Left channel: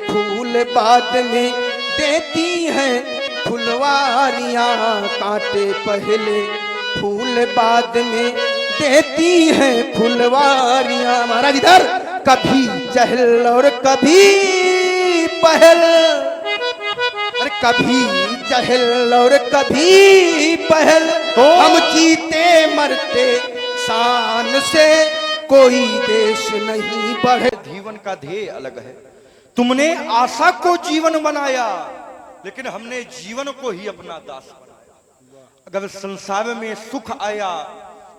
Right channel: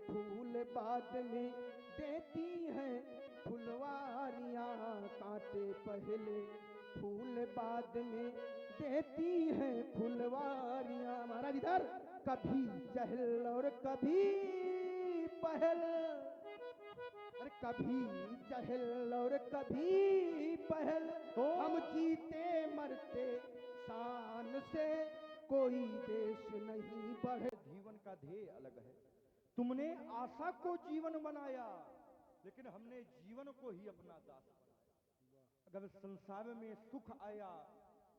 फूल बाद में देती हैं फुलवारियां, कांटे पहले फूल बाद में देती हैं फुलवारियां। महाराज इधर कभी चहल और कभी पहल, अरे कभी चहल और कभी पहल, हम जीते मरते शान से, कोई देश नहीं बढ़े। जीवन का ध्येय अलग है। तुमने आशा को जीवन बनाया, लेकिन हमने जीवन को ही अपना दास बनाया। अगर संसार में सुख आया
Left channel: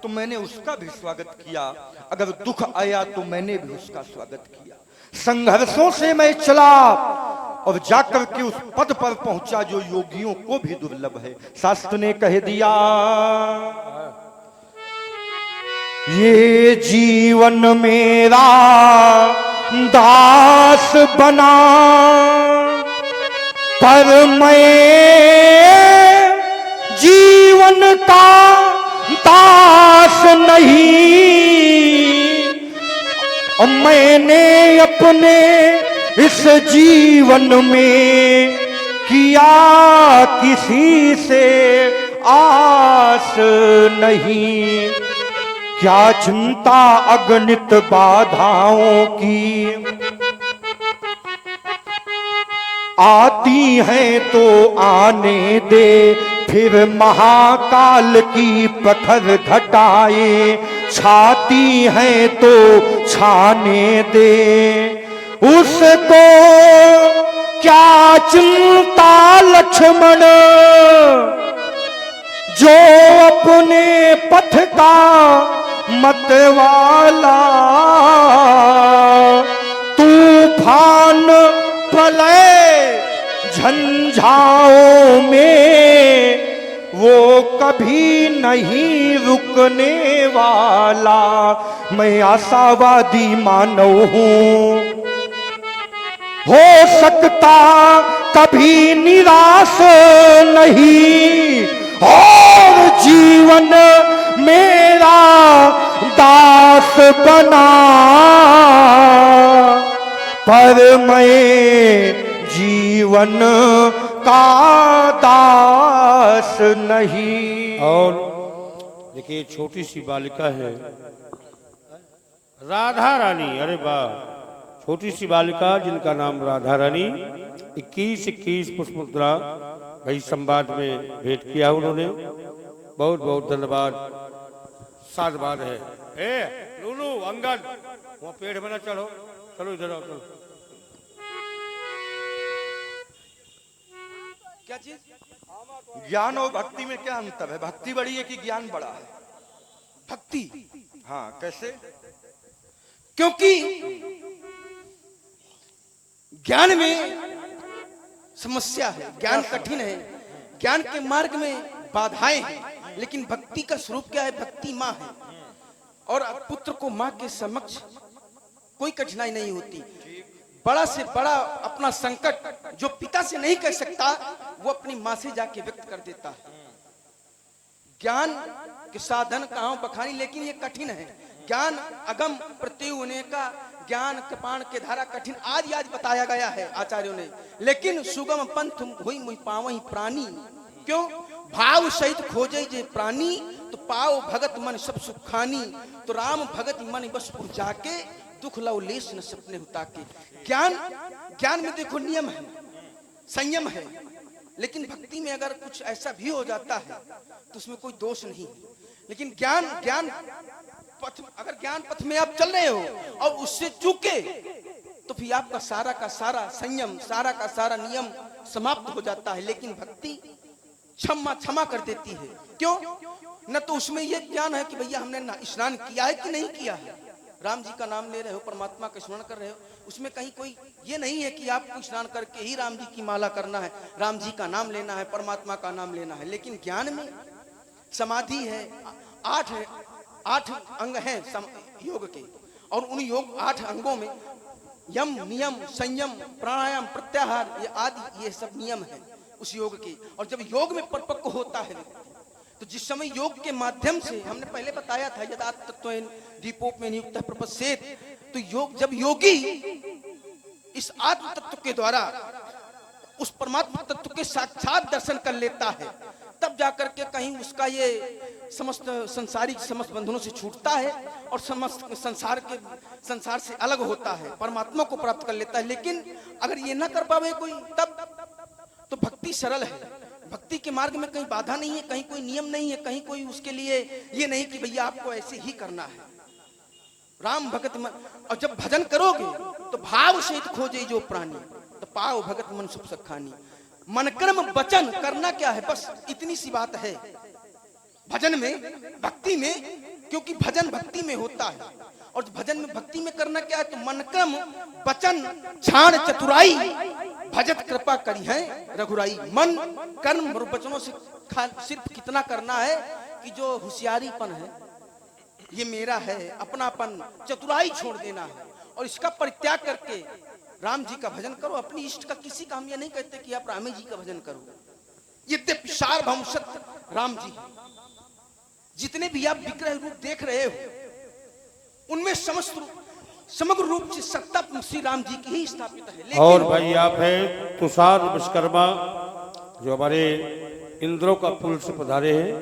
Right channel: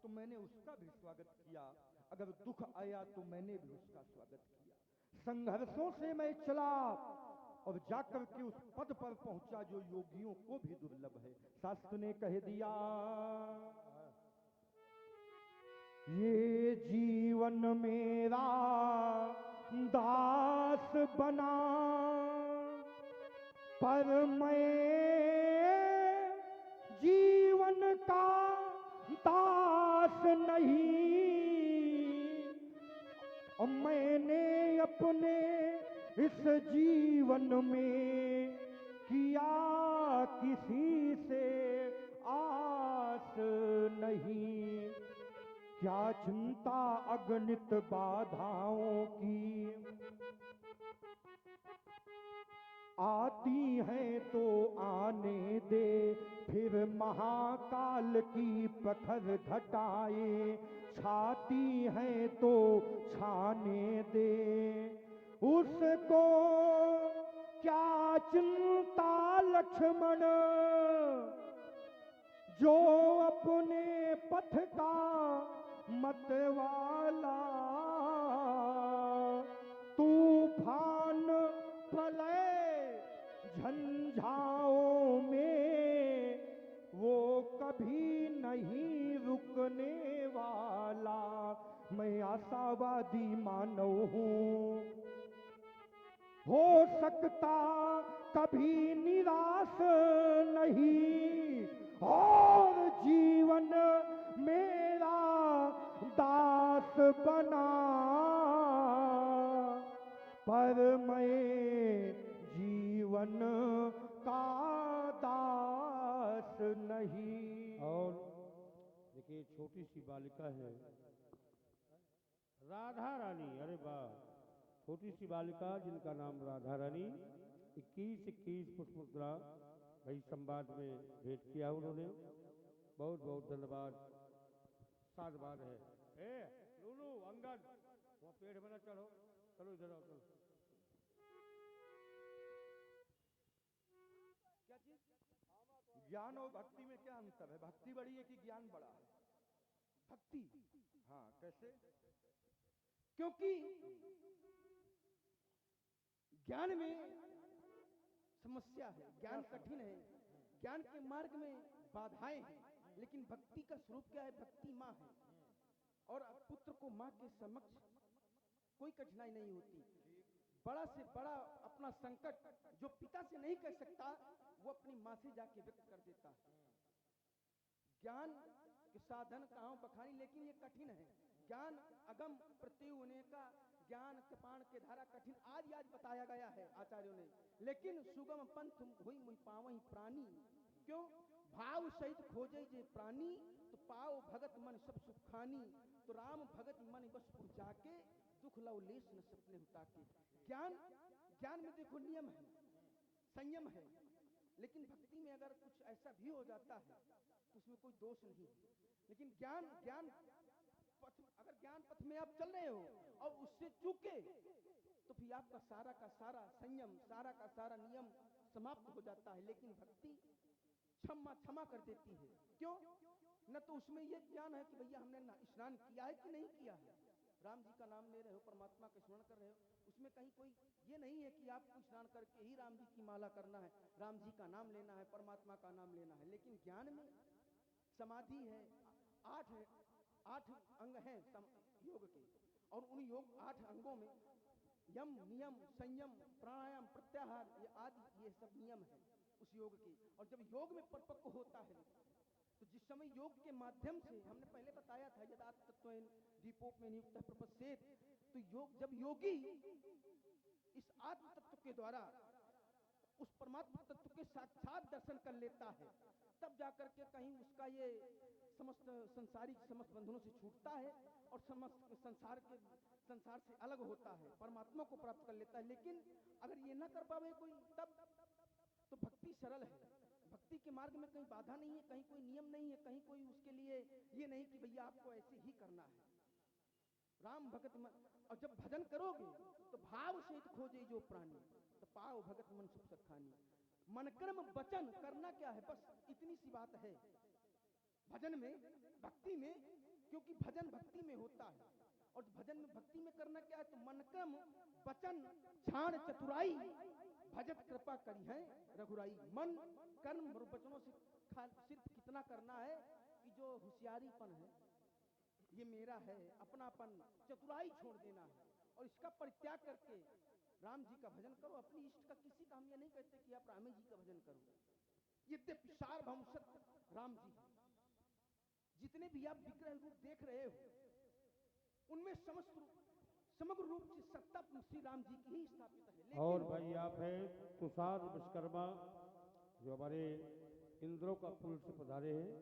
तो मैंने उसका भी स्वागत किया, अगर दुख आया तो मैंने भी उसका स्वागत किया। संघर्षों से मैं चला और जाकर के उस पद पर पहुंचा जो योगियों को भी दुर्लभ है। शास्त्र ने कह दिया, ये जीवन मेरा दास बना, पर मैं जीवन का दास नहीं। और मैंने अपने इस जीवन में किया किसी से आस नहीं। क्या चिंता अगणित बाधाओं की, आती हैं तो आने दे, फिर महाकाल की प्रखर घटाएं छाती हैं तो छाने दे। उसको क्या चिंता लक्ष्मण, जो अपने पथ का मतवाला, तूफान प्रलय झंझाओं में वो कभी नहीं रुकने वाला। मैं आशावादी मानव हूँ, हो सकता कभी निराश नहीं, और जीवन मेरा दास बना, पर मैं जीवन का दास नहीं। और देखिए, छोटी सी बालिका है राधा रानी। अरे वाह, छोटी सी बालिका जिनका नाम राधा रानी, 21 पुष्प मुद्रा भाई संवाद में भेंट किया उन्होंने। बहुत बहुत धन्यवाद। साधुवाद है। ए लूलू अंगद, वो पेड़ में ना चढ़ो, चलो इधर आओ। चलो क्या चीज? ज्ञान और भक्ति में क्या अंतर है? भक्ति बड़ी है कि ज्ञान बड़ा है? भक्ति, हाँ, कैसे? क्योंकि ज्ञान में समस्या है, ज्ञान कठिन है, ज्ञान के मार्ग में बाधाएं हैं, लेकिन भक्ति का स्वरूप क्या है? भक्ति माँ है, और पुत्र को माँ के समक्ष कोई कठिनाई नहीं होती। बड़ा से बड़ा अपना संकट जो पिता से नहीं कह सकता, वो अपनी माँ से जाके व्यक्त कर देता है। ज्ञान के साधन कहाँ बखानी, लेकिन ये कठिन है। ज्ञान अगम प्रत्युने का, ज्ञान कृपाण के धारा कठिन आज बताया गया है आचार्यों ने, लेकिन सुगम पंथ हुई मुई पावही प्राणी। क्यों? भाव सहित खोजे जे प्राणी, तो पाओ भगत मन सब सुखानी। तो राम भगत मन बस जाके, दुख लव लेस न सपने हुता के। ज्ञान में देखो नियम है, संयम है, लेकिन भक्ति में अगर कुछ ऐसा भी हो जाता है तो उसमें कोई दोष नहीं। लेकिन ज्ञान पथ, अगर ज्ञान पथ में आप चल रहे हो और उससे चूके, तो फिर आपका सारा का सारा संयम, सारा का सारा नियम समाप्त हो जाता है। लेकिन भक्ति क्षमा कर देती है। क्यों? न तो उसमें यह ज्ञान है कि भैया हमने स्नान किया है कि नहीं किया है। राम जी का नाम ले रहे हो, परमात्मा का स्मरण कर रहे हो, उसमें कहीं कोई ये नहीं है कि आपको स्नान करके ही राम जी की माला करना है, राम जी का नाम लेना है, परमात्मा का नाम लेना है। लेकिन ज्ञान में समाधि है, 8 अंग हैं योग के, और उन योग 8 अंगों में यम, नियम, संयम, प्राणायाम, प्रत्याहार, ये आदि ये सब नियम है उस योग के। और जब योग में परिपक्व होता है, तो जिस समय योग के माध्यम से, हमने पहले बताया था, यदा तत्त्वेन दीपोप में नियुक्त प्रपस्येत, तो योग, जब योगी इस आत्म तत्व के द्वारा उस परमात्मा तत्व के साक्षात दर्शन कर लेता है, तब जाकर के कहीं उसका ये समस्त संसारिक समस्त बंधनों से छूटता है और समस्त संसार से अलग होता है, परमात्मा को प्राप्त कर लेता है। लेकिन अगर ये ना कर पावे कोई, तब तो भक्ति सरल है। भक्ति के मार्ग में कहीं बाधा नहीं है, कहीं कोई नियम नहीं है, कहीं कोई उसके लिए ये नहीं कि भैया आपको ऐसे ही करना है। राम भगत मन, और जब भजन करोगे तो भाव सहित खोजे जो प्राणी, तो पाओ भगत मन सुख सखानी। मन कर्म वचन करना क्या है, बस इतनी सी बात है भजन में, भक्ति में, क्योंकि भजन भक्ति में होता है। और भजन में भक्ति में करना क्या है, तो मन कर्म वचन छाण चतुराई भजत कृपा करी है रघुराई। मन कर्म और वचनों से सिर्फ कितना करना है कि जो होशियारीपन है ये मेरा है, अपनापन चतुराई छोड़ देना है और इसका परित्याग करके राम जी का भजन करो। अपनी इष्ट का किसी का हम ये नहीं कहते कि आप रामे जी का भजन करो, यद्यपि सार्वभौम सत्य राम जी, जितने भी आप विग्रह रूप देख रहे हो उनमें समग्र रूप से सत्ता श्री राम जी की ही स्थापित है। लेकिन और भाई आप है तुषार विश्वकर्मा जो हमारे इंद्रों का पुल से पधारे हैं,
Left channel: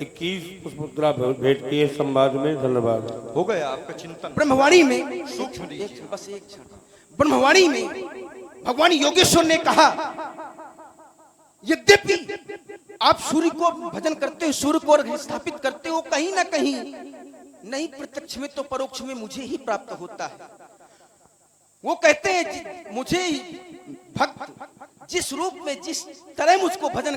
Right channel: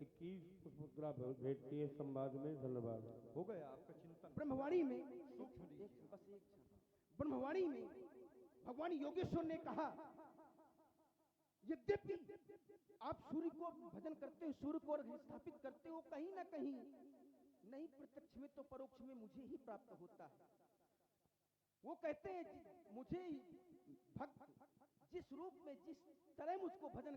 21 पुष्पमुद्रा भेंट किए संवाद में। धन्यवाद। हो गया आपका चिंतन। ब्रह्मवाणी में सूक्ष्म बस एक क्षण, ब्रह्मवाणी में भगवान योगेश्वर ने कहा, यद्यपि आप सूर्य को भजन करते हो, सूर्य को स्थापित करते हो, कहीं ना कहीं नहीं प्रत्यक्ष में तो परोक्ष में मुझे ही प्राप्त होता है। वो कहते हैं मुझे भक्त जिस रूप में जिस तरह मुझको भजन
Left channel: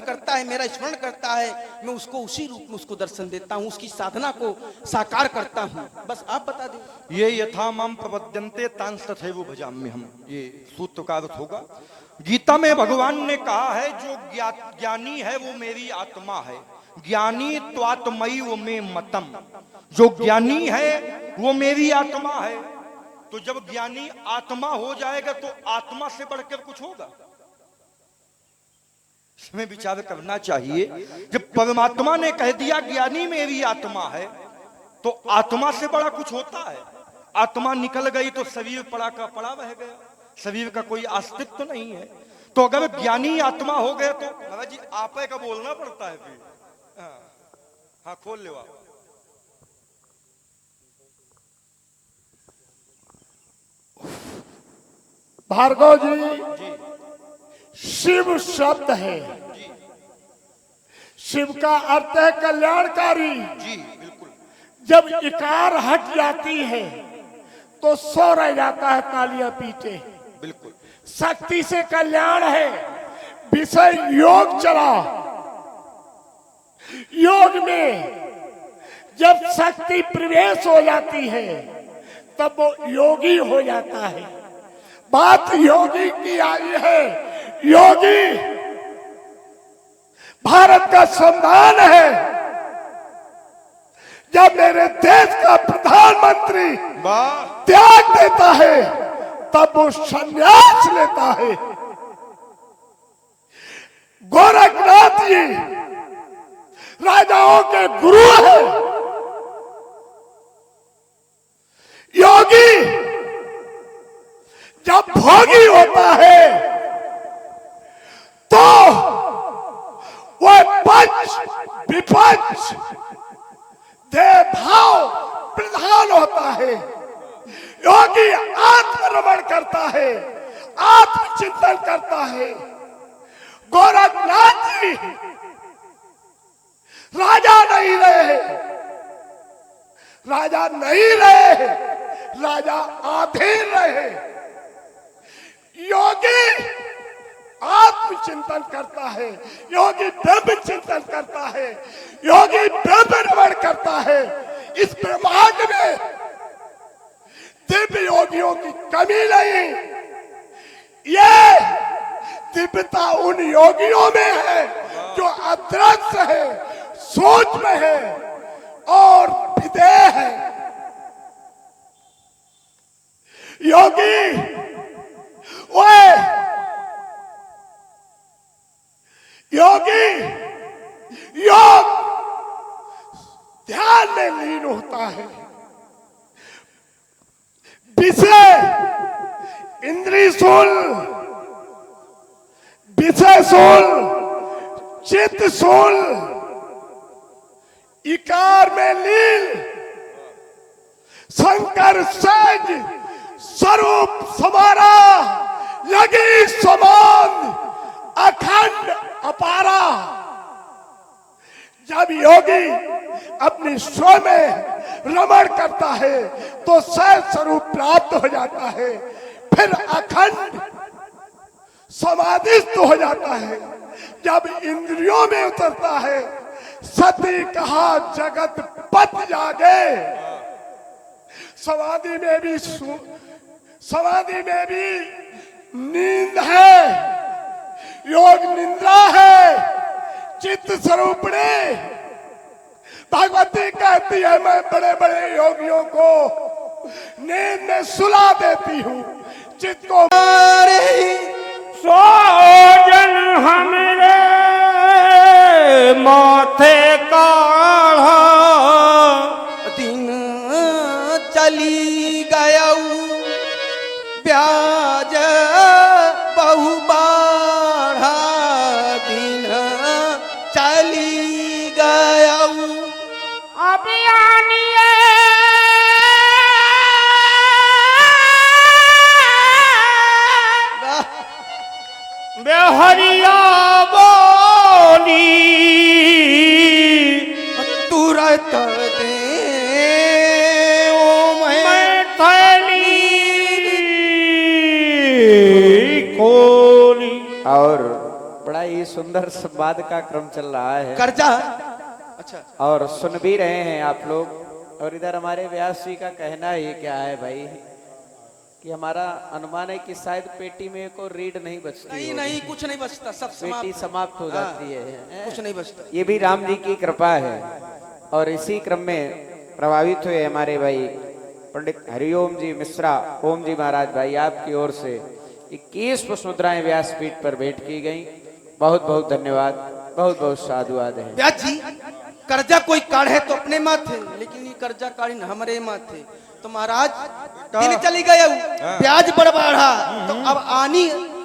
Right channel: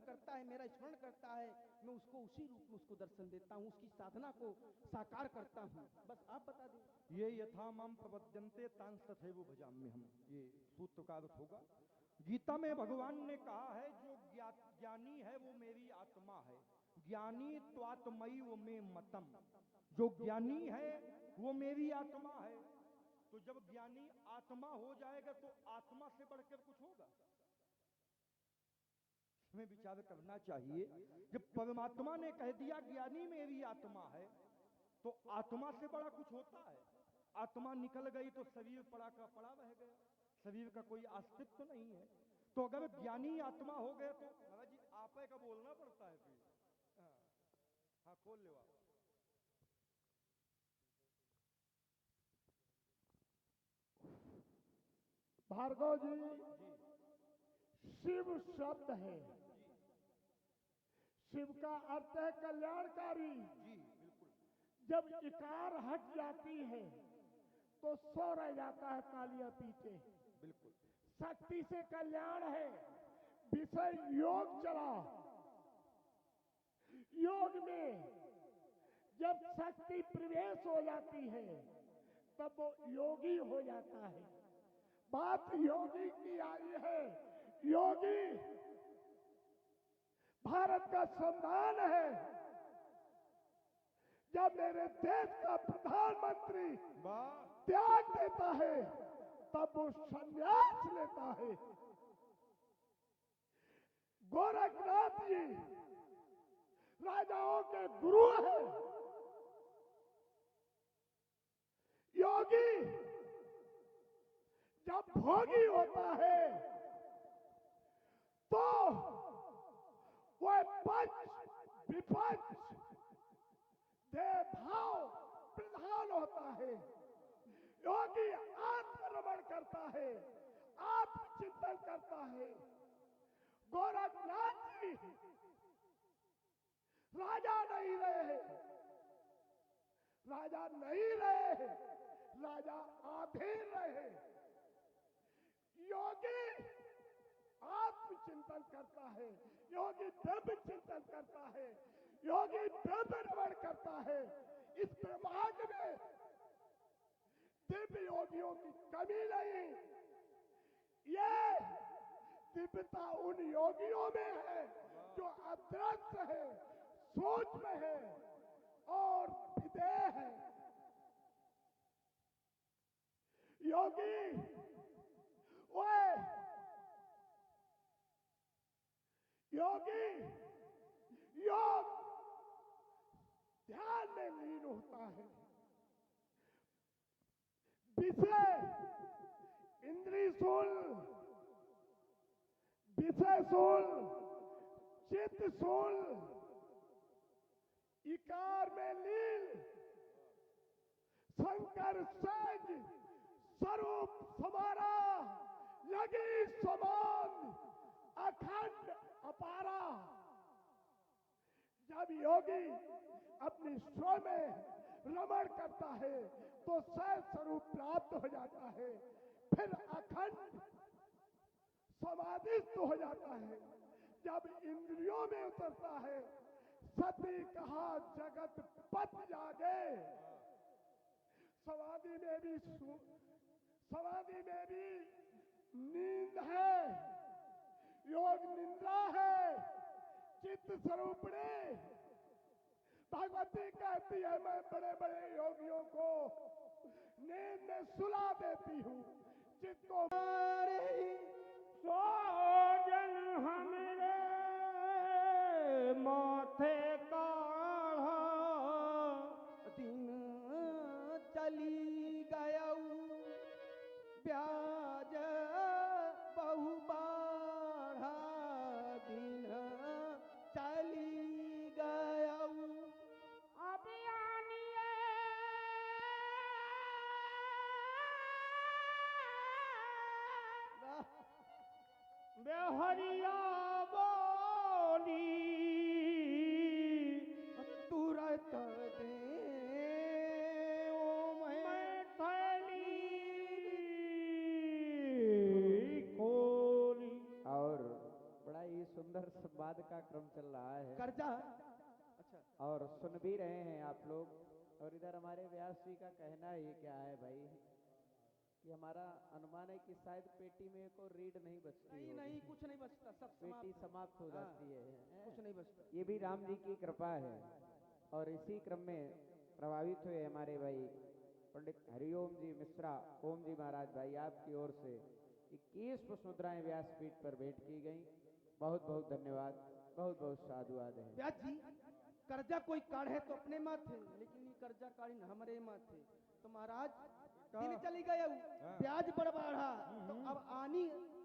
करता है, मेरा स्मरण करता है, मैं उसको उसी रूप में उसको दर्शन देता हूँ, उसकी साधना को साकार करता हूँ। बस आप बता दें। ये यथा माम प्रपद्यन्ते तांस तथैव भजाम्यहम्, हम ये सूत्र का अर्थ होगा। गीता में भगवान ने कहा है जो ज्ञानी है वो मेरी आत्मा है, ज्ञानी त्वात्मयी वो में मतम, जो ज्ञानी है वो मेरी आत्मा है। तो जब ज्ञानी आत्मा हो जाएगा तो आत्मा से बढ़कर कुछ होगा, इसमें विचार करना चाहिए। जब परमात्मा ने कह दिया ज्ञानी मेरी आत्मा है, तो आत्मा से बड़ा कुछ होता है। आत्मा निकल गई तो शरीर पड़ा का पड़ा रह गया, शरीर का कोई अस्तित्व तो नहीं है। तो अगर ज्ञानी आत्मा हो गया तो महाराज जी आप का बोलना पड़ता है फिर। हाँ खोल ले आप। भार्गव जी, शिव शब्द है, शिव का अर्थ है कल्याणकारी। जी बिल्कुल। जब इकार हट जाती है तो सो रह जाता है तालियां पीटे। बिल्कुल। शक्ति से कल्याण है, विषय योग चला। योग में जब शक्ति प्रवेश हो जाती है तब वो योगी हो जाता है। बात योगी की आई है। योगी भारत का संविधान है। जब मेरे देश का प्रधानमंत्री त्याग देता है तब वो संन्यास लेता है। गोरखनाथ जी राजाओं के गुरु है। योगी जब भोगी होता है तो वह पंच विपंच देह भाव प्रधान होता है। योगी आत्मरमण करता है, आत्मचिंतन करता है। गोरखनाथ जी राजा नहीं रहे, राजा नहीं रहे, राजा अधीन रहे। योगी आत्मचिंतन करता है, योगी ब्रह्म चिंतन करता है, योगी ब्रह्म रमण करता है। इस ब्रह्मांड में दिव्य योगियों की कमी नहीं। ये दिव्यता उन योगियों में है जो अदृश्य है, सूक्ष्म है और विदेह है। योगी वह योगी योग ध्यान में लीन होता है, विषय इंद्री सुन, विषय सुन, चित्त सुन, इकार में लीन, शंकर सहज स्वरूप समारा, लगी समान अखंड अपारा। जब योगी अपनी स्व में रमण करता है तो सहज स्वरूप प्राप्त हो जाता है, फिर अखंड समाधिस्थ हो जाता है। जब इंद्रियों में उतरता है, सती कहा जगत पत जागे। समाधि में भी नींद है, योग निंद्रा है। चित्त स्वरूपणी भगवती कहती है, मैं बड़े बड़े योगियों को नींद में सुला देती हूँ। चित्त को सोजन हमरे माथे काढ़ा, दिन चली गयऊ ब्याज बहु बाढ़ा, दिन चली गयऊ। अभियानिए बेहरिया बोली, तुरत दे मैं थैली खोली। और बड़ा ही सुंदर संवाद का क्रम चल रहा है कर्जा। अच्छा, और सुन भी रहे हैं आप लोग। और इधर हमारे व्यास जी का कहना ही क्या है भाई, कि हमारा अनुमान है कि शायद पेटी में को रीड नहीं बचती नहीं होगी। नहीं, कुछ नहीं बचता, सब पेटी समाप्त हो जाती है। कुछ नहीं बचता। ये भी राम जी की कृपा है। और इसी क्रम में प्रभावित हुए हमारे भाई पंडित हरिओम जी मिश्रा, ओम जी महाराज भाई, आपकी ओर से 21 पुष्प मुद्राएं व्यासपीठ पर भेंट की गई। बहुत बहुत धन्यवाद, बहुत बहुत साधुवाद है। ब्याज जी, कर्जा कोई काढ़े तो अपने माथे, लेकिन ये कर्जा काढ़ी हमारे माथे। तो महाराज दिन चली गए, ब्याज बढ़ बढ़ा, तो अब आनी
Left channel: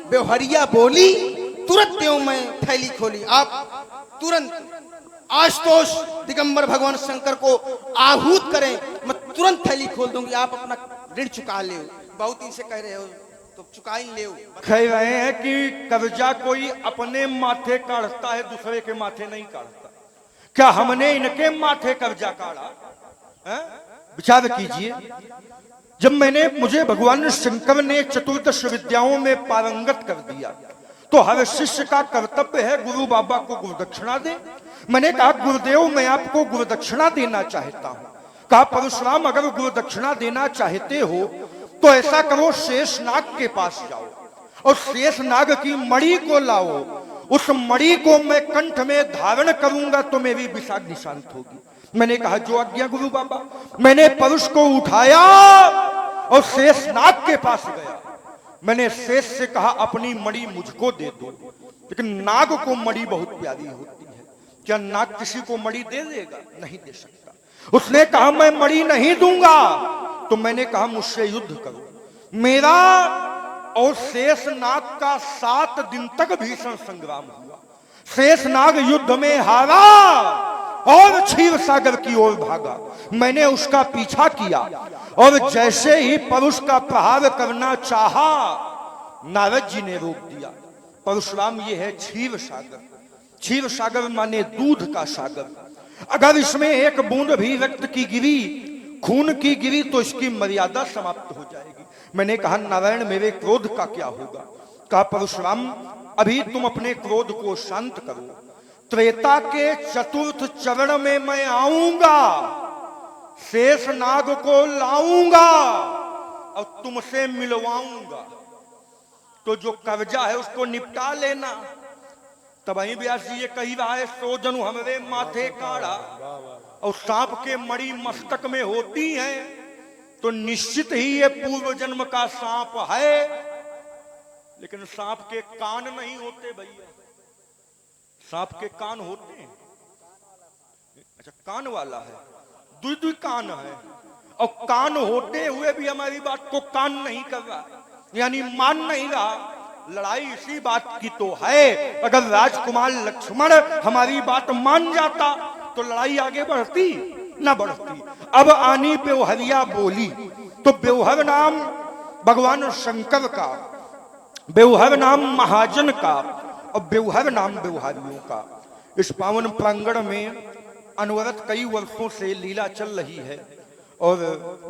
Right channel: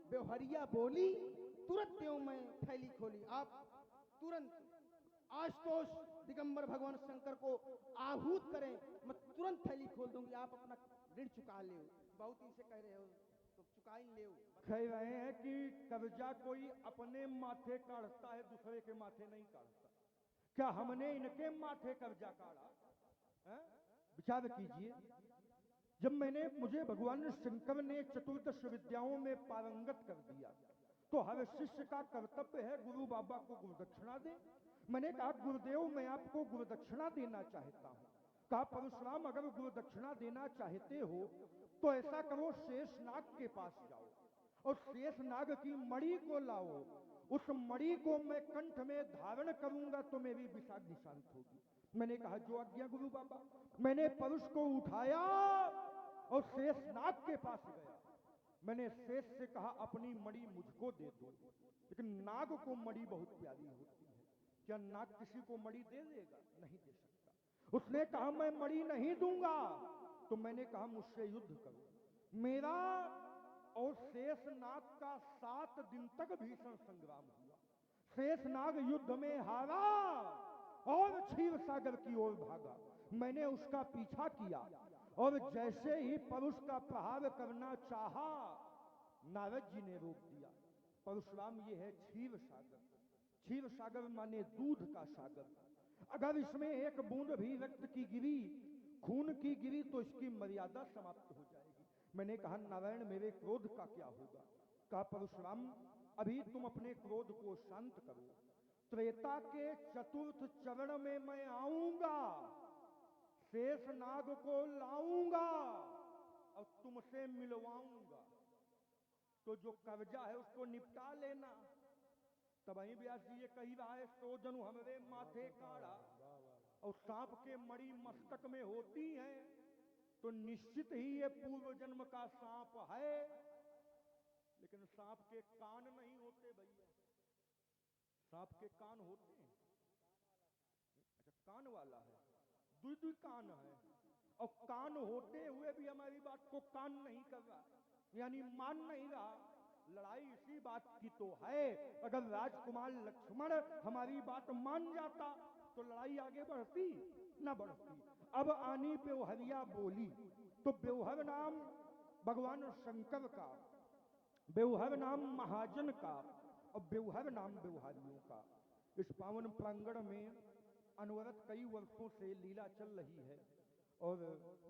बेवहरिया बोली, तुरंत त्यों मैं थैली खोली। आप तुरंत आशुतोष दिगंबर भगवान शंकर को आहूत करें, मैं तुरंत थैली खोल दूंगी, आप अपना ऋण चुका ले। बहुत दिन से कह रहे हो तो चुका ही ले। कह रहे हैं कि कब्जा कोई अपने माथे काढ़ता है, दूसरे के माथे नहीं काढ़ता। क्या हमने इनके माथे कब्जा काढ़ा है? विचार कीजिए। जब मुझे भगवान शंकर ने चतुर्दश विद्याओं में पारंगत कर दिया, तो हर शिष्य का कर्तव्य है गुरु बाबा को गुरुदक्षिणा दे। मैंने कहा गुरुदेव मैं आपको गुरुदक्षिणा देना चाहता हूं। कहा परशुराम अगर गुरुदक्षिणा देना चाहते हो तो ऐसा करो, शेषनाग के पास जाओ और शेषनाग की मणि को लाओ। उस मणि को मैं कंठ में धारण करूंगा तो मेरी विषाग्नि शांत होगी। मैंने कहा जो आज्ञा गुरु बाबा। मैंने परुष को उठाया और शेषनाग के पास गया। मैंने शेष से कहा अपनी मणि मुझको दे दो। लेकिन नाग को मणि बहुत प्यारी होती है, क्या नाग किसी को मणि दे देगा? नहीं दे सकता। उसने कहा मैं मणि नहीं दूंगा। तो मैंने कहा मुझसे युद्ध करो। मेरा और शेषनाग का 7 दिन तक भीषण संग्राम हुआ। शेषनाग युद्ध में हारा और क्षीर सागर की ओर भागा। मैंने उसका पीछा किया और जैसे ही परुष का प्रहार करना चाहा, नारद जी ने रोक दिया। परशुराम ये है क्षीर सागर। क्षीर सागर माने दूध का सागर। अगर इसमें एक बूंद भी रक्त की गिरी, खून की गिरी, तो इसकी मर्यादा समाप्त हो जाएगी। मैंने कहा नारायण मेरे क्रोध का क्या होगा? कहा परशुराम अभी तुम अपने क्रोध को शांत करो। त्रेता के चतुर्थ चरण में मैं आऊंगा, शेषनाग को लाऊंगा और तुमसे मिलवाऊंगा। तो जो कब्जा है उसको निपटा लेना। तब वही व्यास जी ये कही रहा है, सो जनु हमरे माथे काढ़ा। और सांप के मणि मस्तक में होती है तो निश्चित ही ये पूर्व जन्म का सांप है। लेकिन सांप के कान नहीं होते भैया, सांप के कान होते हैं। अच्छा कान वाला है, दुई कान है और कान होते हुए भी हमारी बात को कान नहीं कर रहा। यानी मान नहीं रहा। लड़ाई इसी बात की तो है, अगर राजकुमार लक्ष्मण हमारी बात मान जाता तो लड़ाई आगे बढ़ती ना बढ़ती। अब आनी बेवहरिया बोली तो बेवहर नाम भगवान शंकर का, बेवहर नाम महाजन का और बेवहर नाम बेवहारियों का। इस पावन प्रांगण में अनवरत कई वर्षों से लीला चल रही है और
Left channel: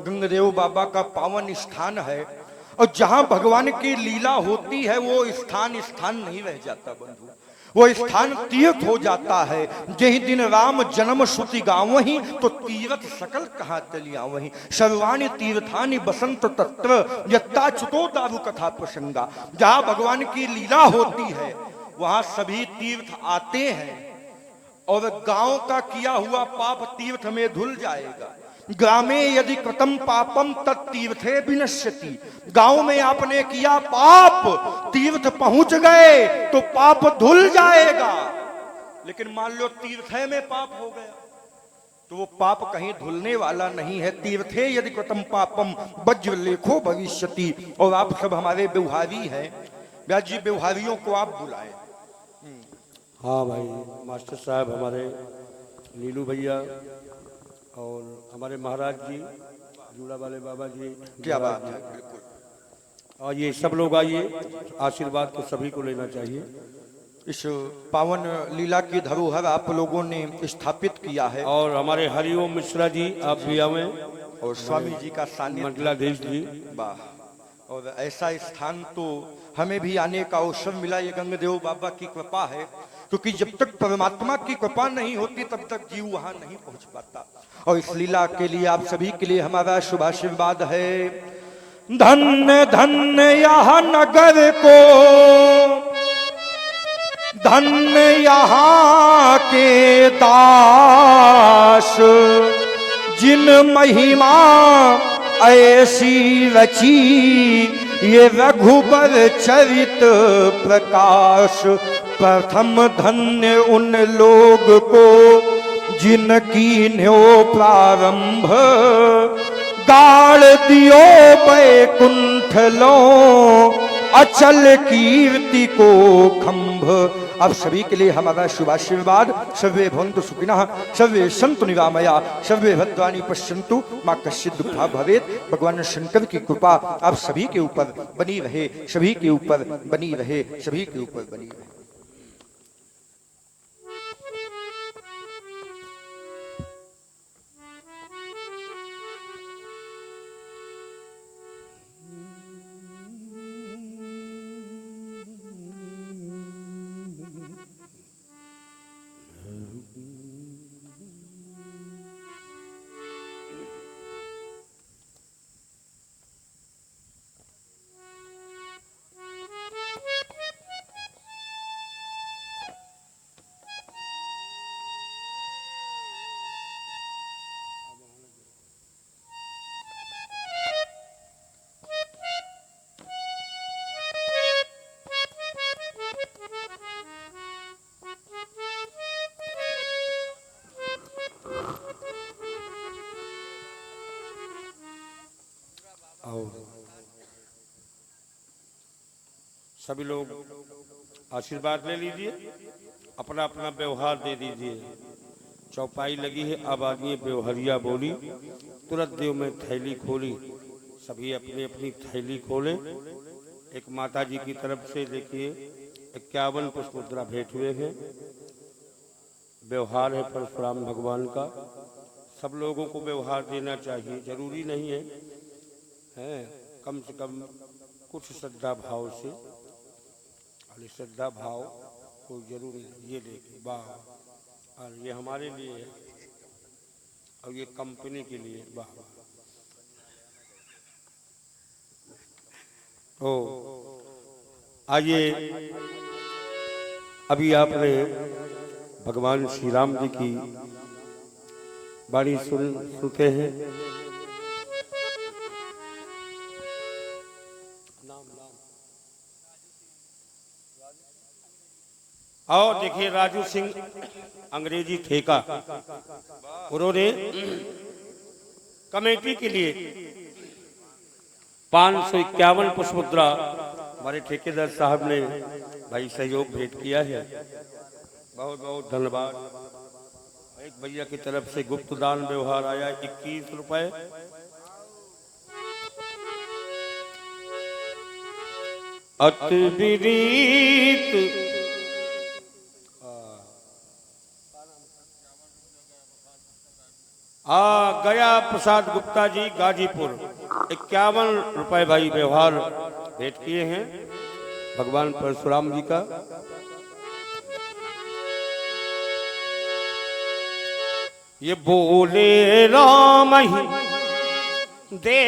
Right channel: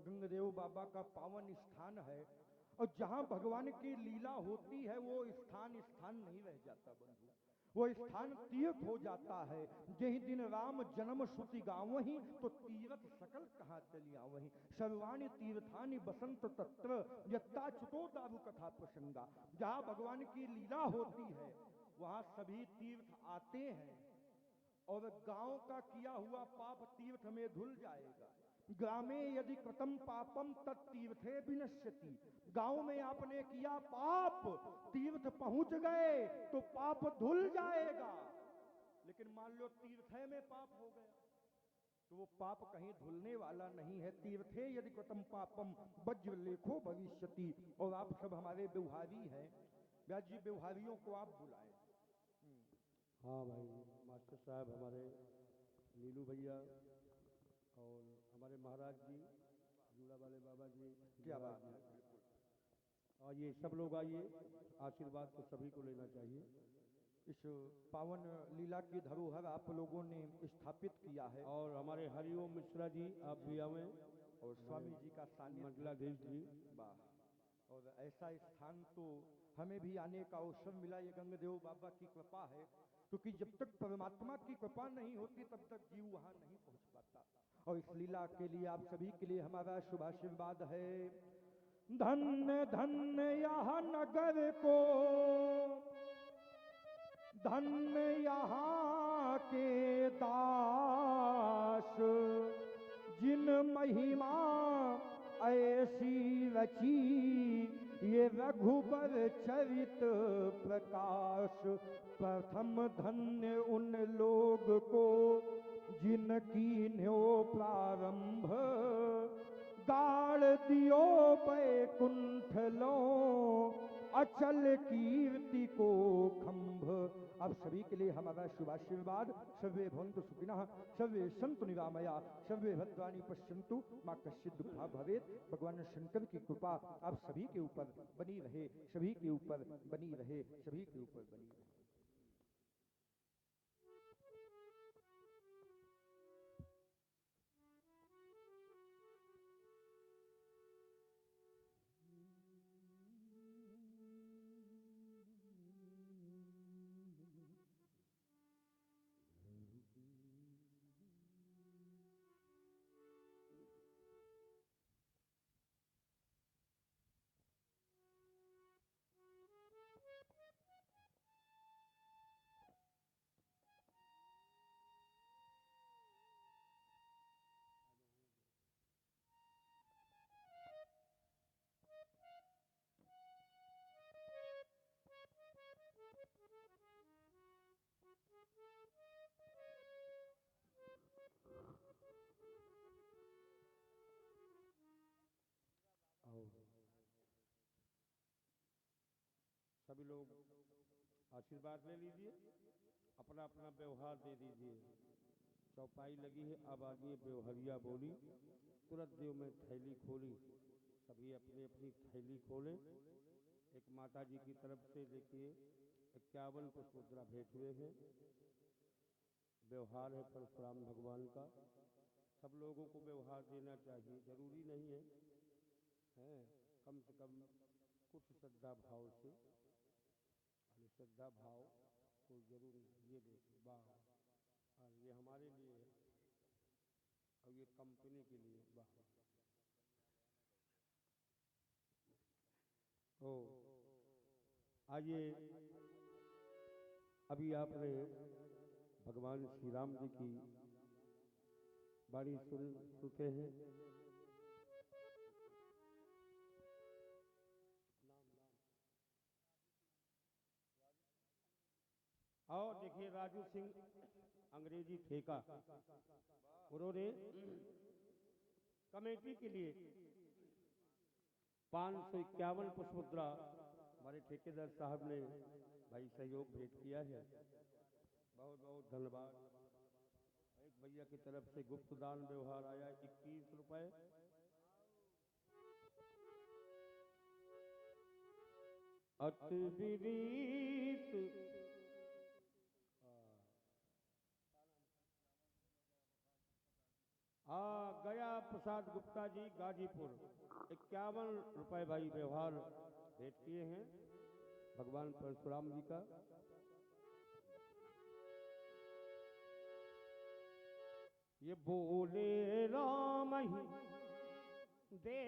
गंगदेव बाबा का पावन स्थान है। और जहां भगवान की लीला होती है वो स्थान स्थान नहीं रह जाता बंधु, वो स्थान तीर्थ हो जाता है। जही दिन राम जन्म श्रुति गावहीं तो तीर्थ सकल कहाँ चलिया वहीं। सर्वाणि तीर्थानि बसंत तत्र यत्ताच्युतो दारु कथा प्रसंगा। जहां भगवान की लीला होती है वहां सभी तीर्थ आते हैं और गांव का किया हुआ पाप तीर्थ में धुल जाएगा। ग्रामे यदि कृतम पापम तत्तीर्थे विनश्यति। गांव में आपने किया पाप, तीर्थ पहुंच गए तो पाप धुल जाएगा। लेकिन मान लो तीर्थे में पाप हो गया तो वो पाप कहीं धुलने वाला नहीं है। तीर्थे यदि कृतम पापम वज्र लेखो भविष्यति। और आप सब हमारे व्यवहारी हैं, व्यास जी व्यवहारियों को आप बुलाएं। हाँ भाई, मास्टर साहब हमारे नीलू भैया और हमारे महाराज जी जूड़ा वाले बाबा जी, क्या बात है, बिल्कुल। और ये सब लोग आइए, आशीर्वाद तो सभी को लेना चाहिए। इस पावन लीला की धरोहर आप लोगों ने स्थापित किया है और हमारे हरिओम मिश्रा जी आप भी आवे और स्वामी जी का सानिध्य, मंडलाधीश जी। वाह। और ऐसा स्थान तो हमें भी आने का अवसर मिला, ये गंगदेव बाबा की कृपा है। क्योंकि जब तक परमात्मा की कृपा नहीं होती तब तक जीव वहां नहीं पहुंच पाता। और इस लीला के लिए आप सभी के लिए हमारा शुभाशीर्वाद है। धन्य धन्य यह नगर को, धन्य यहाँ के दास, जिन महिमा ऐसी रची ये रघुबर चरित प्रकाश। प्रथम धन्य उन लोग को जिनकी न्यो प्रारंभ, गाड़ दियो बैकुंठ लो अचल कीर्ति को खंभ। अब सभी के लिए हमारा शुभाशीर्वाद। सर्वे भवन्तु सुखिनः, सर्वे सन्तु निरामया, सर्वे भद्राणि पश्यन्तु, मां कश्चित् दुःखा भवेत्। भगवान शंकर की कृपा आप सभी के ऊपर बनी रहे, सभी के ऊपर बनी रहे, सभी के ऊपर बनी रहे। सभी लोग आशीर्वाद ले लीजिए, अपना अपना व्यवहार दे दीजिए। चौपाई लगी है, अब आदमी व्यवहारिया बोली, तुरंत देव में थैली खोली। सभी अपनी अपनी थैली खोले। एक माता जी की तरफ से देखिए 51 पुष्पमुद्रा भेंट हुए हैं। व्यवहार है परशुराम भगवान का, सब लोगों को व्यवहार देना चाहिए। जरूरी नहीं है कम से कम कुछ श्रद्धा भाव से, और श्रद्धा भाव कोई जरूरी नहीं। ये देखिए वाह, और ये हमारे लिए है और ये कंपनी के लिए वाह। ओ आइए, अभी आपने भगवान श्री राम जी की वाणी सुनते हैं। और देखिए राजू सिंह अंग्रेजी ठेका, उन्होंने कमेटी के लिए 551 पुष्प मुद्रा हमारे ठेकेदार साहब ने भाई सहयोग भेंट किया है। बहुत बहुत धन्यवाद। एक भैया की तरफ से गुप्त दान व्यवहार आया 21 रुपए। अति विनीत गया प्रसाद गुप्ता जी गाजीपुर 51 रुपए भाई व्यवहार भेंट किए हैं भगवान परशुराम जी का। ये बोले राम ही दे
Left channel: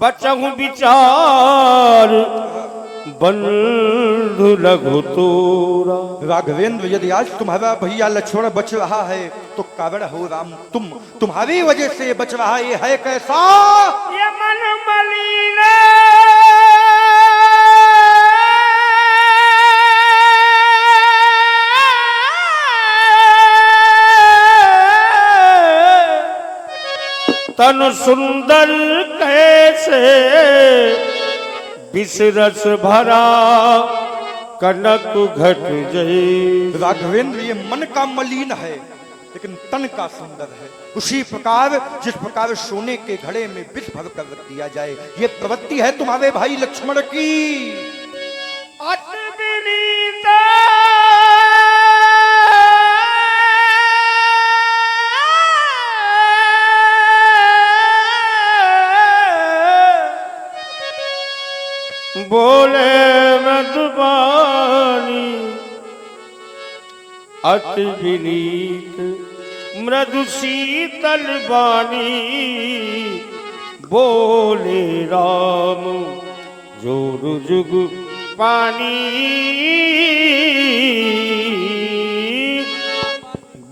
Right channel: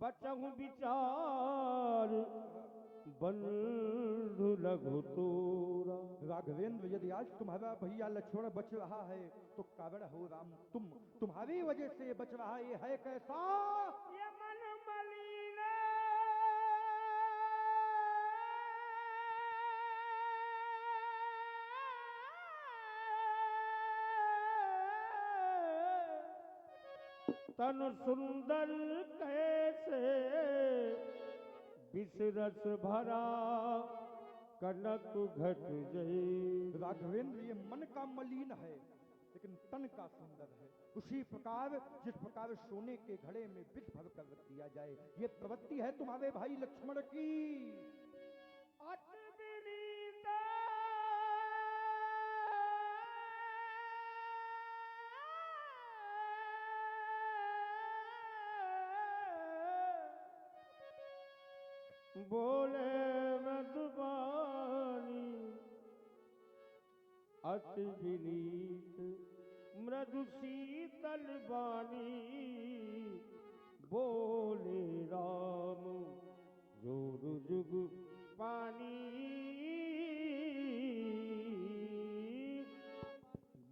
बचहु विचार बंधु लघु तोरा। राघवेंद्र यदि आज तुम्हारा भैया लक्ष्मण बच रहा है तो कारण हो राम तुम्हारी वजह से बच रहा है। ये है कैसा? ये मन मलिन तन सुंदर कैसे विषरस भरा कनक घट जय। राघवेंद्र ये मन का मलिन है लेकिन तन का सुंदर है। उसी प्रकार जिस प्रकार सोने के घड़े में विष भर कर रख दिया जाए, ये प्रवृत्ति है तुम्हारे भाई लक्ष्मण की। बोले मधुबानी अति विनीत मृदु शीतल वाणी। बोले राम जोरु जुग पानी।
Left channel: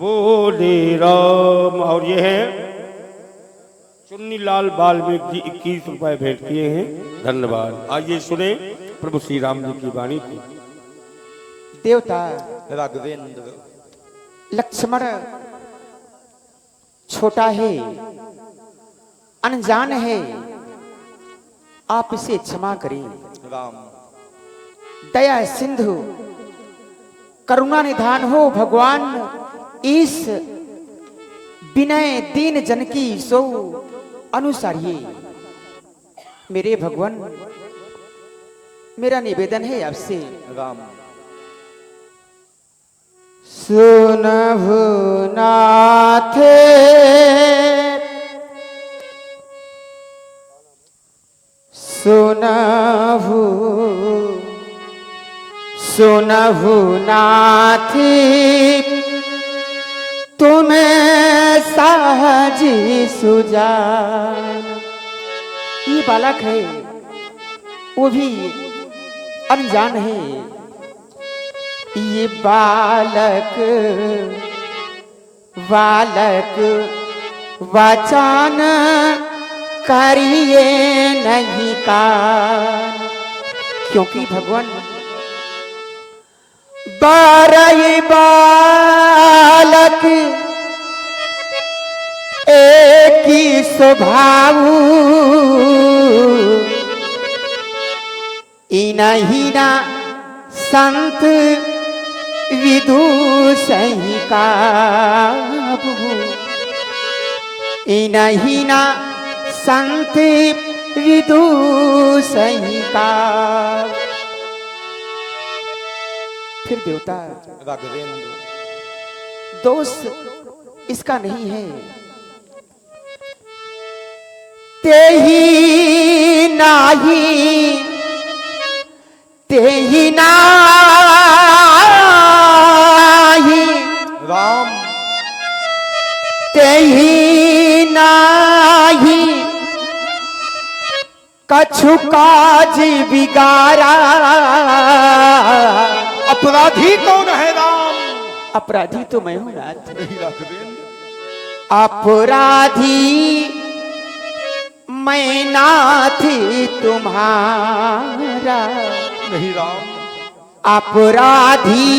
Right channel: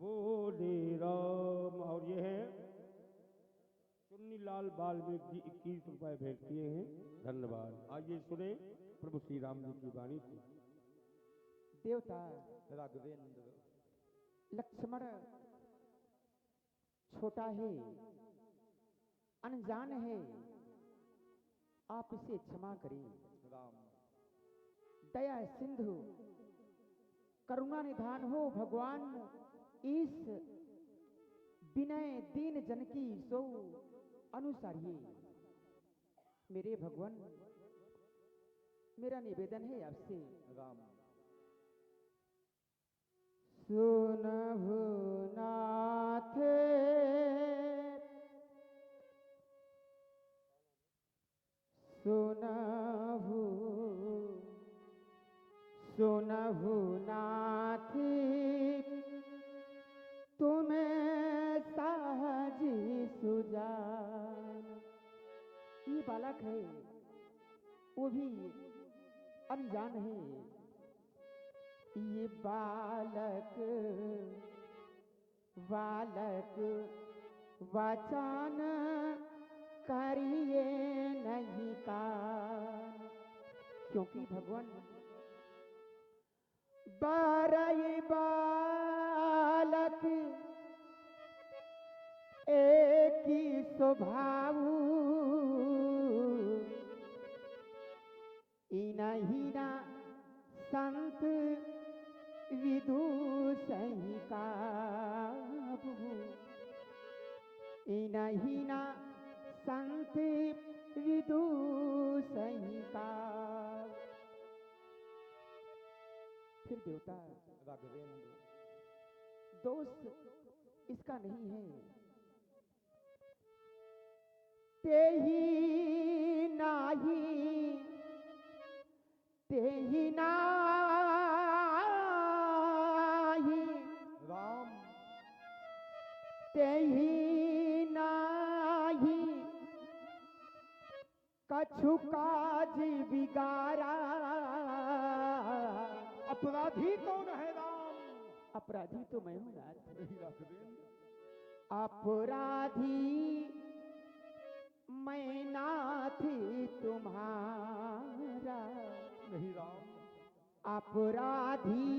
बोले राम। और ये है चुन्नीलाल वाल्मीकि 21 रुपए भेंट किए हैं। धन्यवाद। आइए सुने प्रभु श्री राम जी की वाणी को। देवता राघवेंद्र लक्ष्मण छोटा है, अनजान है, आप इसे क्षमा करें। राम दया सिंधु करुणा निधान हो भगवान, इस विनय दीन जन की सो अनुसारिये। मेरे भगवान मेरा निवेदन है आपसे। राम सुनहु नाथे सुनहु सुनहु नाथी तुम्हें साजी सुजान। ये बालक है, वो भी अनजान है। ये बालक बालक वाचान करिए नहीं कान, क्योंकि भगवान बारह बालक एक ही स्वभाव, इनहिना संत विदुषहि काबू, इनहिना संत विदुषहि काबू। फिर देवता राघवेंद्र दोष इसका नहीं है। तेही नाही तेही नाही राम तेही नाही कछु काज बिगारा। अपराधी कौन है राम? अपराधी तो मैं हूं नाथ। राघवेंद्र अपराधी मैं नाथ तुम्हारा, नहीं राम। अपराधी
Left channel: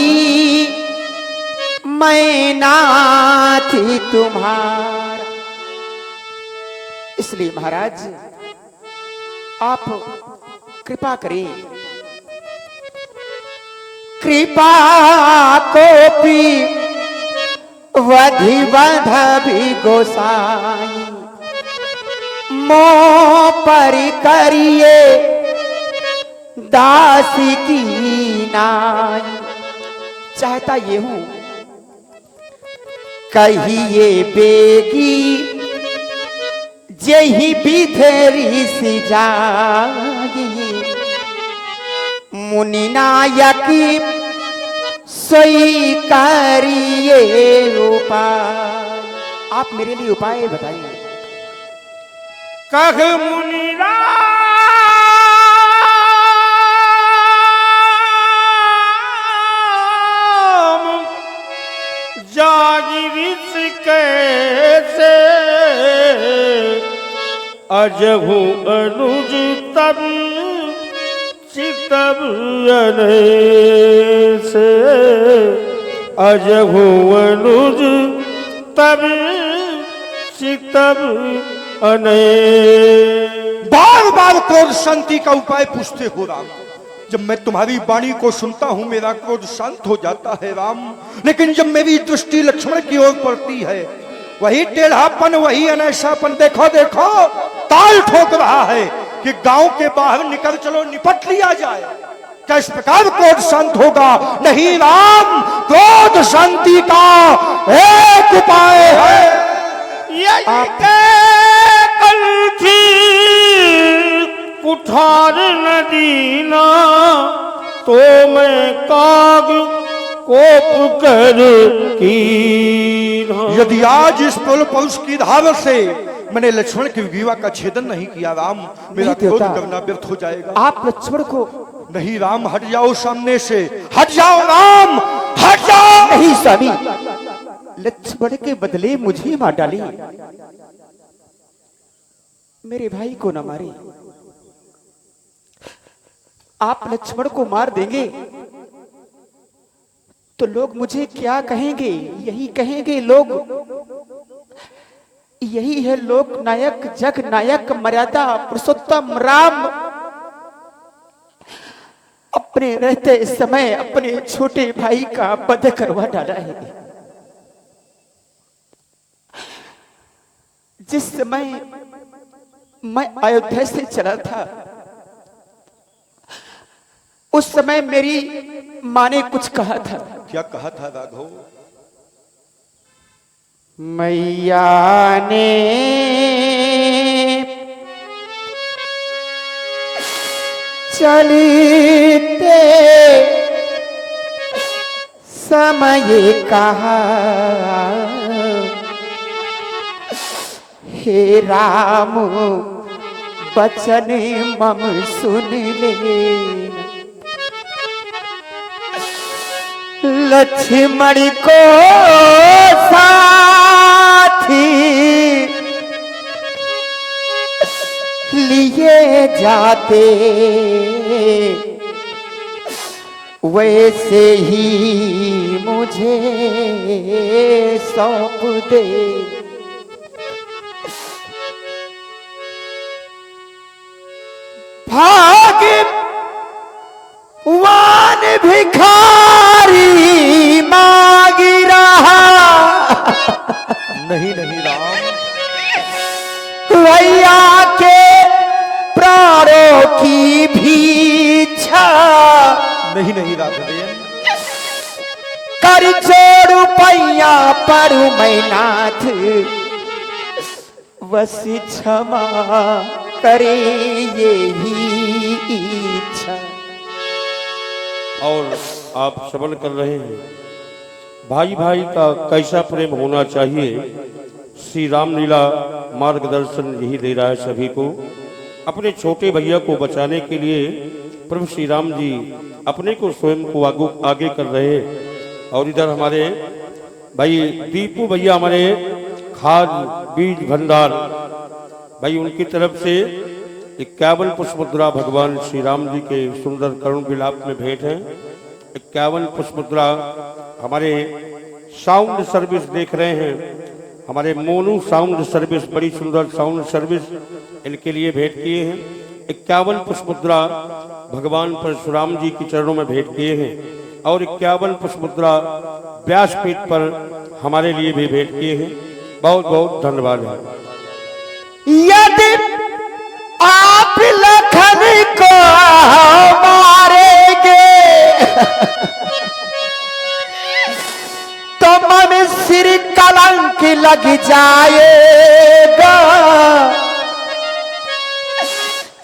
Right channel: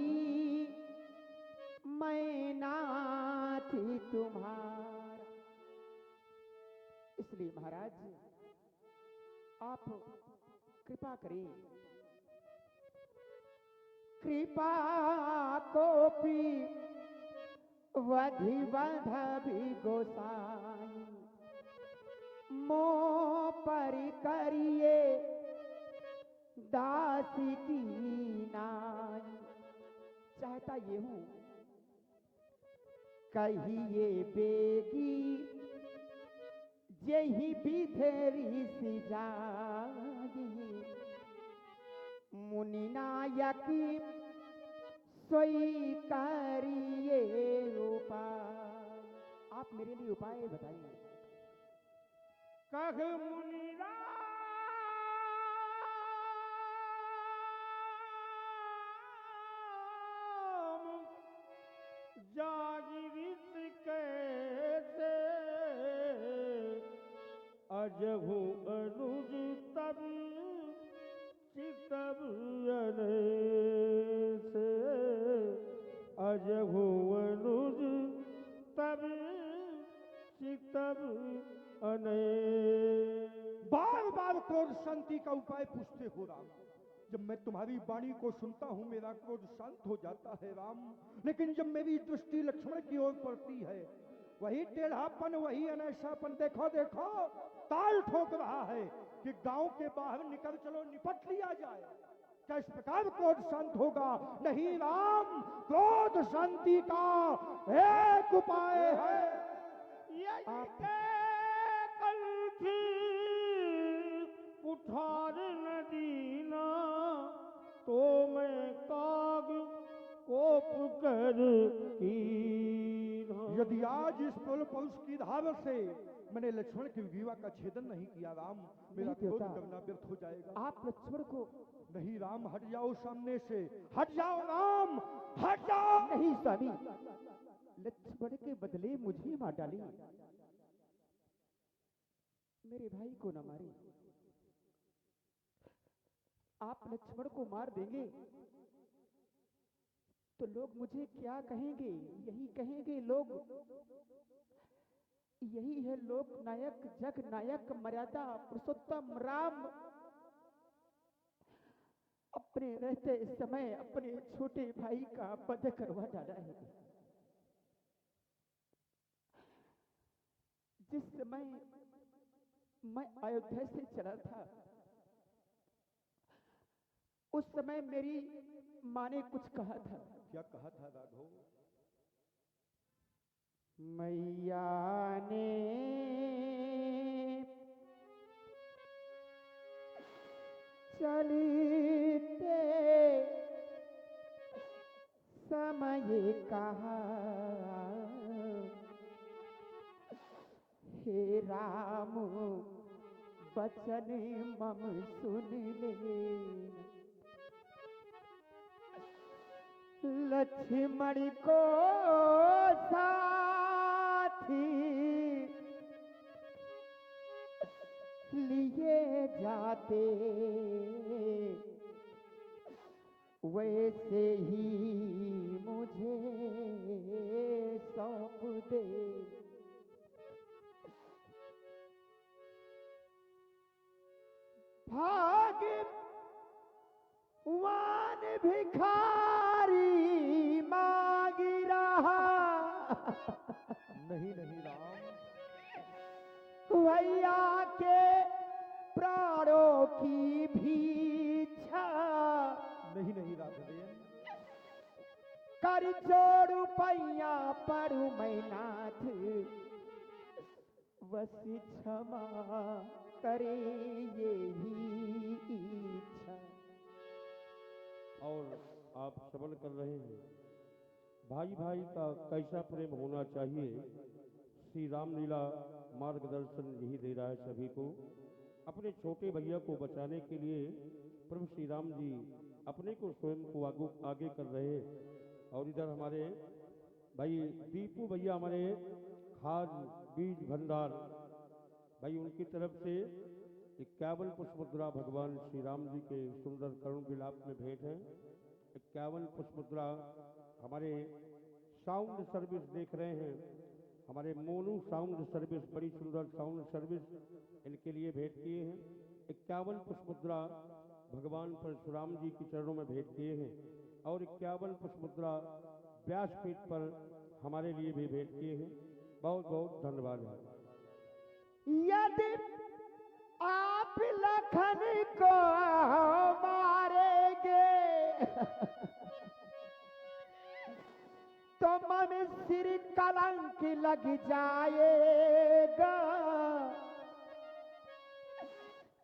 मैं नाथ तुम्हारा। इसलिए महाराज आप कृपा करें, कृपा कोपी वधि वधि गोसाई, मो पर करिए दास की नाई। चाहता ये हूं कहिए बेगी जही बिधरी सी जागी, मुनि नायक सोई करिए उपाय। आप मेरे लिए उपाय बताइए। कह मुनि जागिरिस कैसे, अजहु अनुज तब चितब से, अजहु अनुज तब चितब अने। बार बार क्रोध शांति का उपाय पूछते हो राम। जब मैं तुम्हारी वाणी को सुनता हूं मेरा क्रोध शांत हो जाता है राम, लेकिन जब मेरी दृष्टि लक्ष्मण की ओर पड़ती है वही टेढ़ापन वही अनैसापन। देखो देखो ताल ठोक रहा है कि गांव के बाहर निकल चलो निपट लिया जाए। क्या इस प्रकार क्रोध शांत होगा? नहीं राम, क्रोध शांति का एक उपाय है। कुठार नदीना तो मैं काग कोप कर की। यदि आज इस पुल पौष की धार से मैंने लक्ष्मण की विवा का छेदन नहीं किया राम, मेरा क्रोध करना व्यर्थ हो जाएगा। आप लक्ष्मण को नहीं राम, हट जाओ सामने से, हट जाओ राम, हट जाओ। नहीं स्वामी, लक्ष्मण के बदले मुझे मार डाली, मेरे भाई को न मारे। आप लक्ष्मण को मार देंगे तो लोग मुझे क्या कहेंगे? यही कहेंगे लोग, यही है लोक नायक जग नायक मर्यादा पुरुषोत्तम राम अपने रहते समय अपने छोटे भाई का वध करवा डाला है। जिस समय मैं अयोध्या से चला था उस समय मेरी माँ ने कुछ कहा था। क्या कहा था राघव? मैया ने चलते समय कहा, हे राम बचन मम सुन ले। लक्ष्मण को साथी लिए जाते वैसे ही मुझे सौंप दे। भाग्यवान भिखारी मांग रहा। नहीं नहीं राम, भैया के प्राणों की भीछा नहीं नहीं राघवेन, कर जोड़ू पैया पर मैं नाथ बस क्षमा करे यही इच्छा। और आप श्रवण कर रहे हैं भाई भाई का कैसा प्रेम होना चाहिए। श्री रामलीला मार्गदर्शन यही दे रहा है सभी को। अपने छोटे भैया को बचाने के लिए प्रभु श्री राम जी अपने को स्वयं को आगे कर रहे हैं। और इधर हमारे भाई दीपू भैया हमारे खाद बीज भंडार भाई उनकी तरफ से 51 पुष्पमुद्रा भगवान श्री राम जी के सुंदर करुण विलाप में भेंट है। 51 पुष्पमुद्रा हमारे साउंड सर्विस देख रहे हैं, हमारे मोनू साउंड सर्विस, बड़ी सुंदर साउंड सर्विस इनके लिए भेंट किए हैं। 51 पुष्प मुद्रा भगवान परशुराम जी के चरणों में भेंट किए हैं और 51 पुष्प मुद्रा व्यासपीठ पर हमारे लिए भी भेंट किए हैं। बहुत बहुत धन्यवाद है। यदि आप लखन को मारेंगे तो मन सिर कलंक लग जाएगा।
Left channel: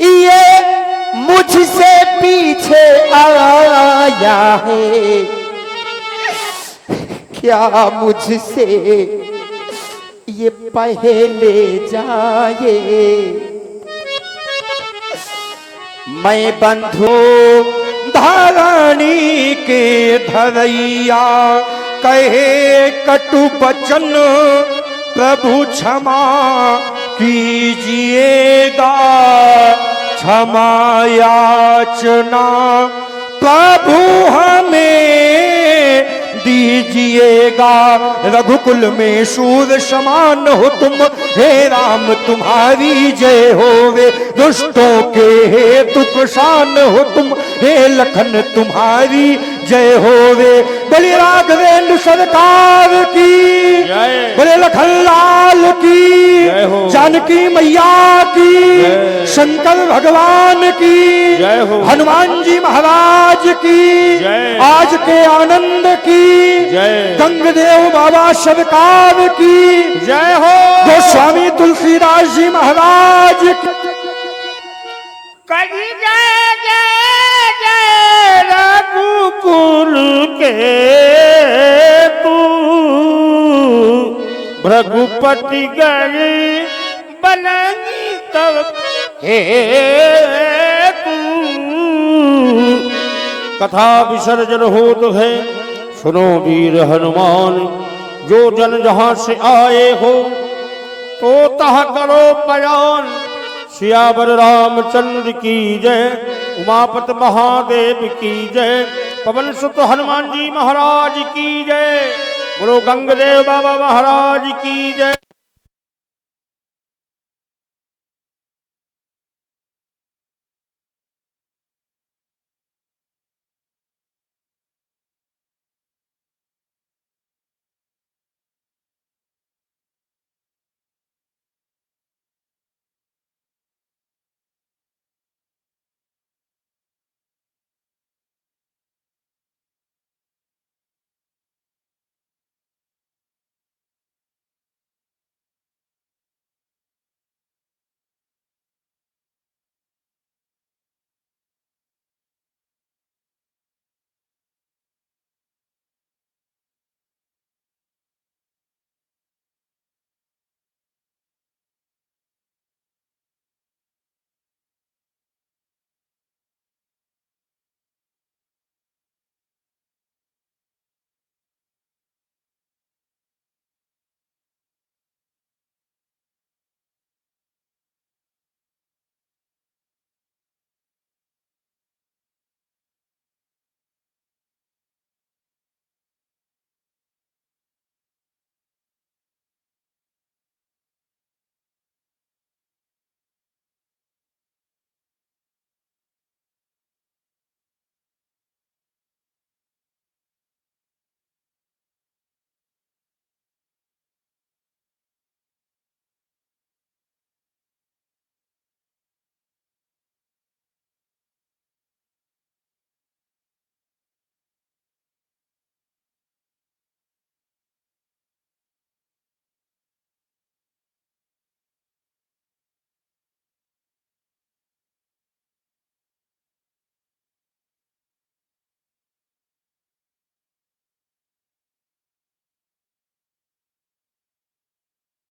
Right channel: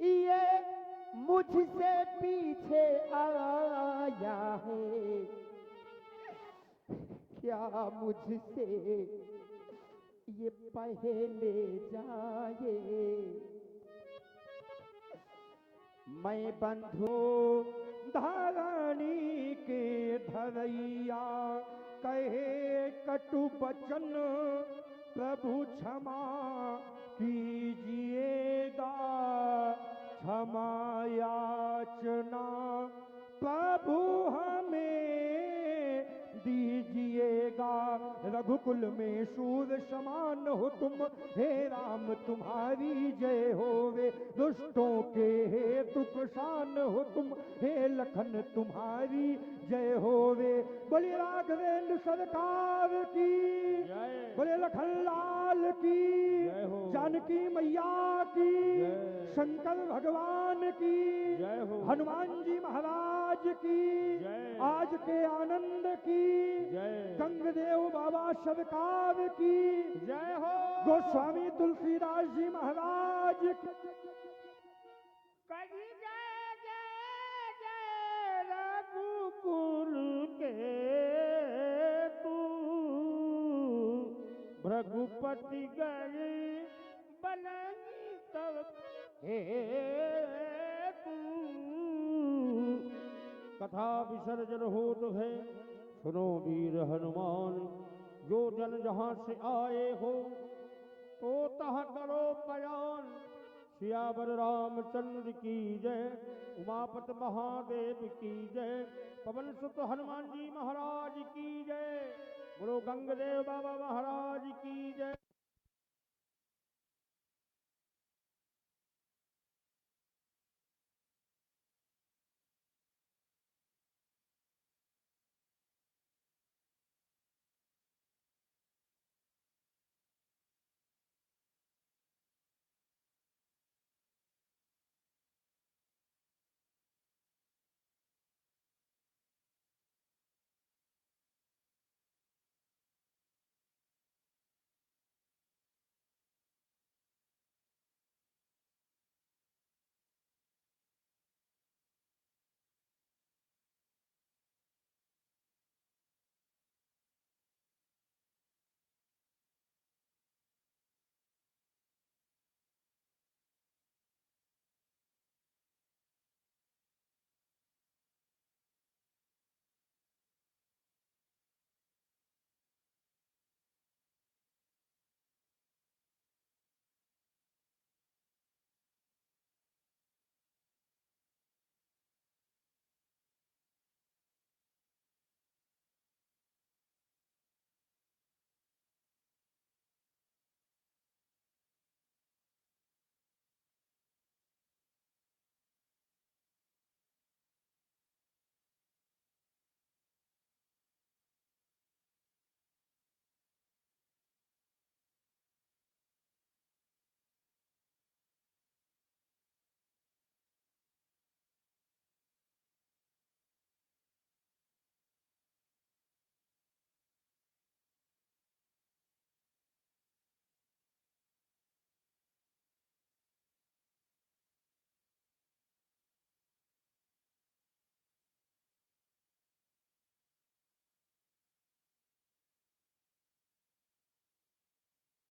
ये मुझसे पीछे आया है, क्या मुझसे ये पहले जाए। मैं बंधु धरणी के धरैया कहे कटु बचन प्रभु क्षमा कीजिएगा। क्षमा याचना प्रभु हमें दीजिएगा। रघुकुल में सूर समान हो तुम, हे राम तुम्हारी जय होवे। दुष्टों के हेतु प्रशान हो तुम, हे लखन तुम्हारी जय होवे। बोले राघवेंद्र सरकार की जय। बोले लखन लाल की जय हो। जानकी मैया की, शंकर भगवान की जय हो। हनुमान जी महाराज की जय। आज के आनंद की जय। गंगदेव बाबा सरकार की जय हो। गोस्वामी तुलसीदास जी महाराज की कही जय जय जय रघुकुल के तू भृगुपति गई बनगी तब हे तू। कथा विसर्जन होत है, सुनो वीर हनुमान। जो जन जहां से आए हो तो तह करो बयान। सियावर रामचंद्र की जय, उमापत महादेव की जय, पवन सुत हनुमान जी महाराज की जय, बोलो गंगदेव बाबा महाराज की जय।